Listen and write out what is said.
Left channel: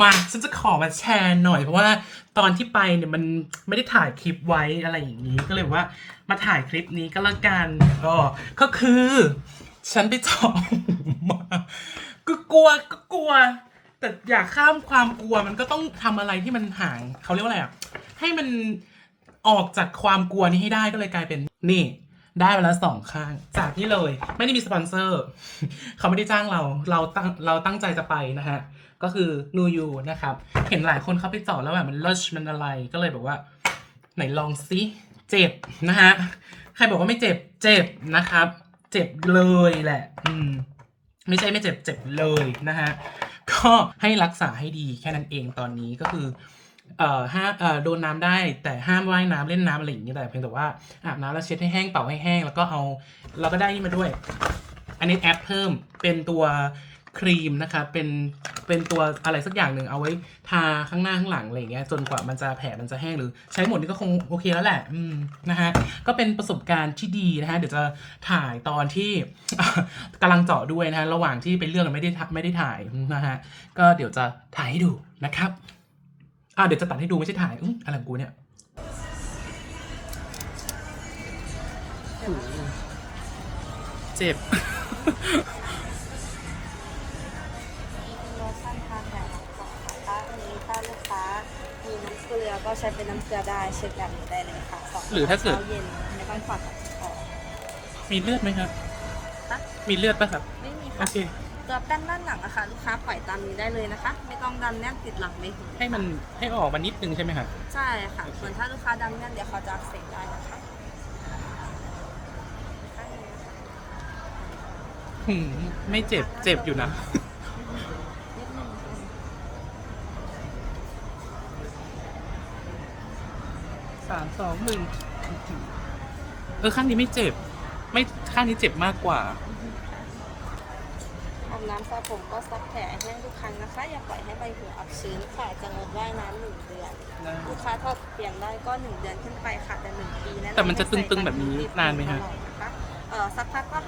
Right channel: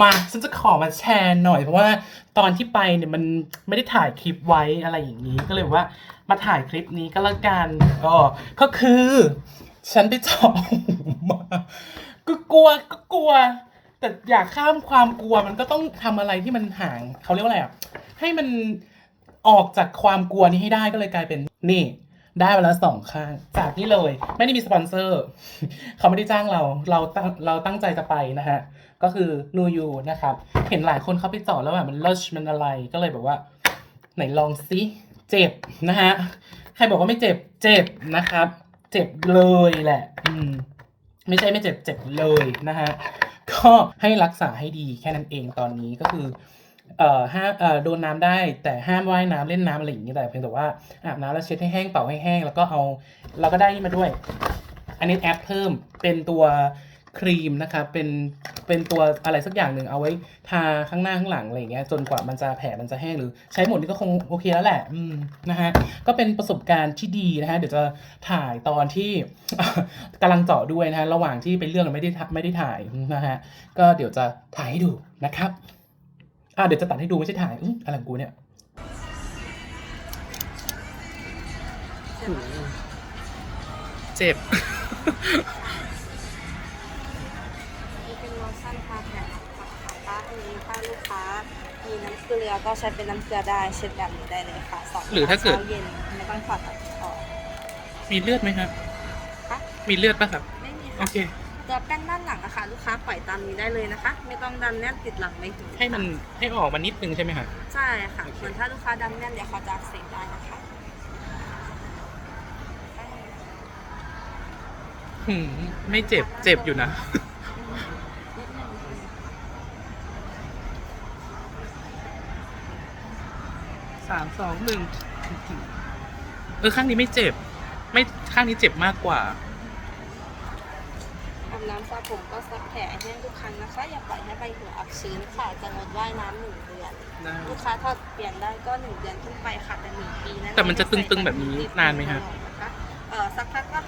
มาฉันจะขอมาแชร์หน่อยเพราะว่าตอนที่ไปเนี่ยมันไม่ได้ถ่ายคลิปไว้อะไรอย่างนี้ก็เลยว่ามาถ่ายคลิปนี้ก็แล้วกันอ๋อก็คือ ฉันไปเจาะมาก็กลัวก็กลัว แต่อยากข้ามความกลัวมันก็ต้องทำอะไรที่มันห่างเขาเรียกว่าอะไรอะให้มันออกจากความกลัวนี้ให้ได้ก็เลยกลายเป็นนี่ ได้มาแล้วสองข้าง จากนี่เลย ไม่ได้มีสปอนเซอร์ เขาไม่ได้จ้างเรา เราตั้งเราตั้งใจจะไปนะฮะ ก็คือนูยูนะครับ เห็นหลายคนเข้าไปเจาะแล้วแบบมันเลิศมันอะไรก็เลยแบบว่า ไหนลองซิเจ็บนะฮะ ใครบอกว่าไม่เจ็บเจ็บนะครับ เจ็บเลยแหละ อืม ไม่ใช่ไม่เจ็บเจ็บเลยนะฮะก็ให้รักษาให้ดีแค่นั้นเองตอนนี้ก็คือ เอ่อห้าเอ่อโดนน้ำได้แต่ห้ามว่ายน้ำเล่นน้ำอะไรอย่างนี้แต่เพียงแต่ว่าอาบน้ำแล้วเช็ดให้แห้งเป่าให้แห้งแล้วก็เอาเราก็ได้นี่มาด้วย อันนี้แอปเพิ่มเป็นตัวครีมนะคะเป็นเป็นตัวอะไรสักอย่างหนึ่งเอาไว้ทาข้างหน้าข้างหลังอะไรอย่างเงี้ยจนกว่ามันจะแผลมันจะแห้งหรือใช้หมดนี่ก็คงโอเคแล้วแหละอืมนะฮะก็เป็นประสบการณ์ที่ดีนะฮะเดี๋ยวจะถ่ายตอนที่กำลังเจาะด้วยนะฮะระหว่างที่เป็นเรื่องไม่ได้ไม่ได้ถ่ายนะฮะก็เดี๋ยวจะถ่ายให้ดูนะครับ อ่าเดี๋ยวจะตัดให้ดูไม่ใช่ถ่ายอื้ออะไรของกูเนี่ยโอ้โหเจ็บ นี่เป็นโลชั่นทาแผลนะคะป้าอันนี้ถ้าลูกค้ามีน้ำเกลือก็ใช้เป็นน้ำเกลือได้เช็ดแบบนี้ได้เลยค่ะสองหรือถ้าเกิด ช้เย็นไม่ต้องถอดออกมีเลือดไหมครับคะมีเลือดปะครับ ไม่มีโอค่ะ เค ตัวแป้นด้านหลังนะคะลูกค้าปล่อยตามนี้ได้เลยนะคะ ไม่ต้องดันแน่นติดหลังไม่ถึงให้มันให้ออกมานิดนึงใช่ไหมครับใช่ค่ะส่วนถ้าลูกค้าดันแน่นเดี๋ยวเขาจะอักเสบได้นะคะหืมไม่เจ็บเจ็บอยู่นะนิดนึงสามสองหนึ่งเออข้างนี้ไม่เจ็บ ไม่ข้างนี้เจ็บมากกว่า อาบน้ำสระผมก็ซักแผลให้ทุกครั้งนะคะ อย่าปล่อยให้ใบหูอับชื้นค่ะจะงดว่ายน้ำหนึ่งเดือน ลูกค้าทอดเปลี่ยนได้ก็หนึ่งเดือนขึ้นไปค่ะแต่หนึ่งปีนะแต่มันจะตึงๆแบบนี้นานไหมฮะ เออสักพักก็หาย